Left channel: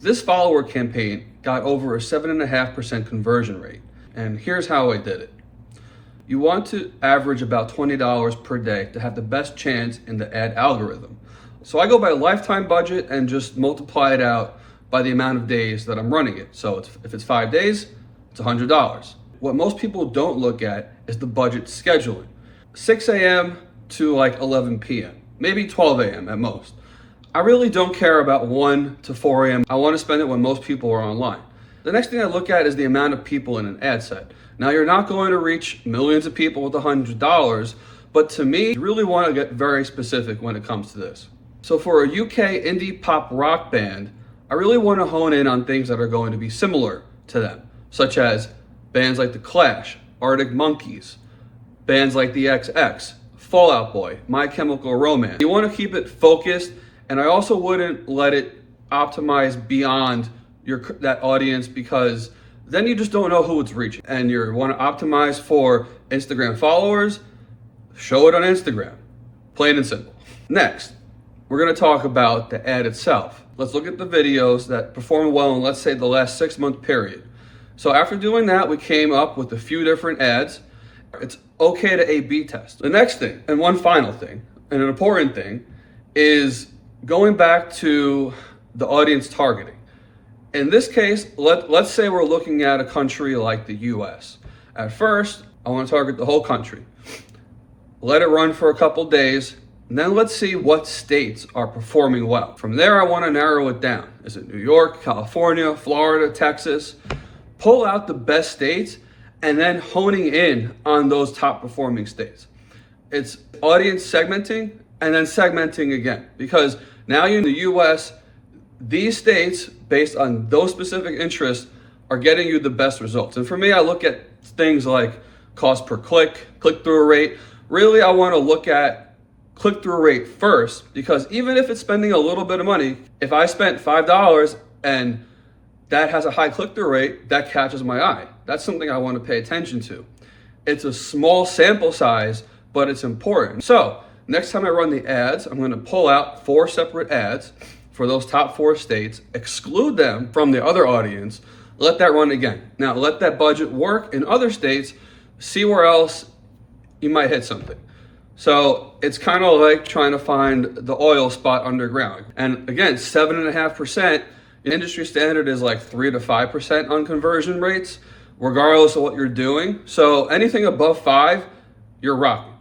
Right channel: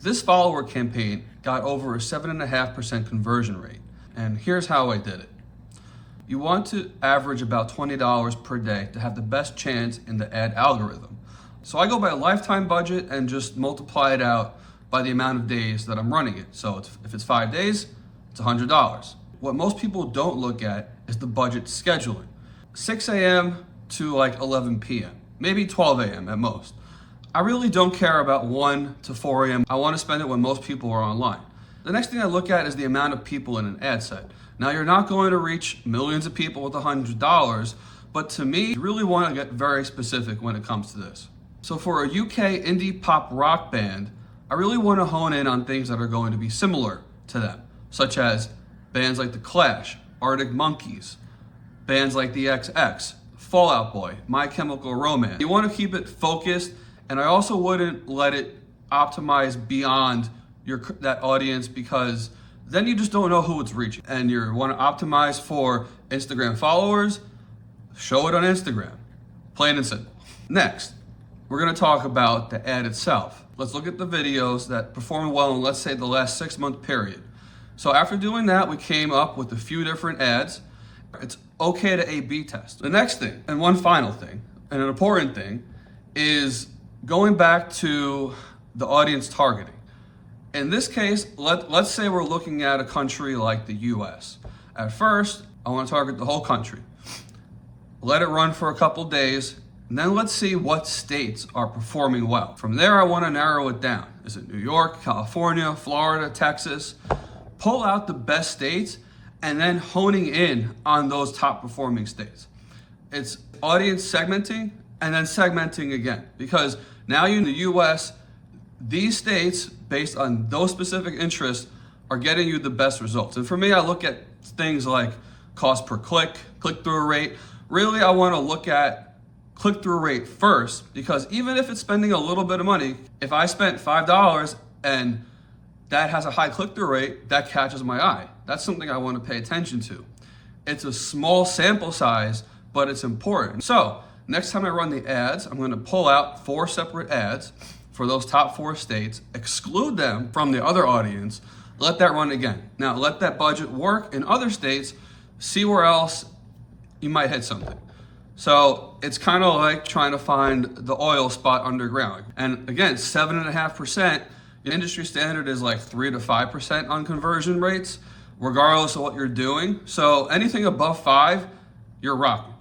This follower campaign got over a 7.5% conversion rate. And here's how I did it. You want to average about $20 per day to have the best chance in the ad algorithm. So I go by lifetime budget and just multiply it out by the amount of days that I'm running it. So if it's 5 days, it's $100. What most people don't look at is the budget scheduling. 6 a.m. to like 11 p.m., maybe 12 a.m. at most. I really don't care about 1 to 4 a.m. I want to spend it when most people are online. The next thing I look at is the amount of people in an ad set. Now, you're not going to reach millions of people with $100, but to me, you really want to get very specific when it comes to this. So for a UK indie pop rock band, I really want to hone in on things that are going to be similar to them, such as bands like The Clash, Arctic Monkeys, bands like the XX, Fall Out Boy, My Chemical Romance. You want to keep it focused, and I also wouldn't let it optimize beyond that audience, because then you just don't know who it's reaching. And you want to optimize for Instagram followers, show it on Instagram, plain and simple. Next, we're going to talk about the ad itself. Let's look at the videos that perform well in, let's say, the last 6-month period. So after doing that, we came up with a few different ads. It's okay to A/B test. The next thing, and one final thing, and an important thing, is going back to the audience targeting. In this case, let's say we're looking at a country like the US. At first, I want to target the whole country. Let it run for a couple days, and then let's see what states are performing well. From there, I want to narrow it down. Is it New York, California, Florida, Texas? Pull out the best states and then honing in on those top performing states. It's audience segmenting and then segmenting again, because now you're in the US, these states, based on those specific interests, are getting you the best results. And for me, I look at things like cost per click, click-through rate. Really, I want to look at click-through rate first, because even if it's spending a little bit of money, if I spent $5 and that has a high click-through rate, that catches my eye. That's something I want to pay attention to. It's a small sample size, but it's important. So next time I run the ads, I'm going to pull out 4 separate ads for those top 4 states, exclude them from the other audience, let that run again. Now let that budget work in other states, see where else you might hit something. So it's kind of like trying to find the oil spot underground. And again, 7.5%, the industry standard is like 3 to 5% on conversion rates, regardless of what you're doing. So anything above 5, you're rocking.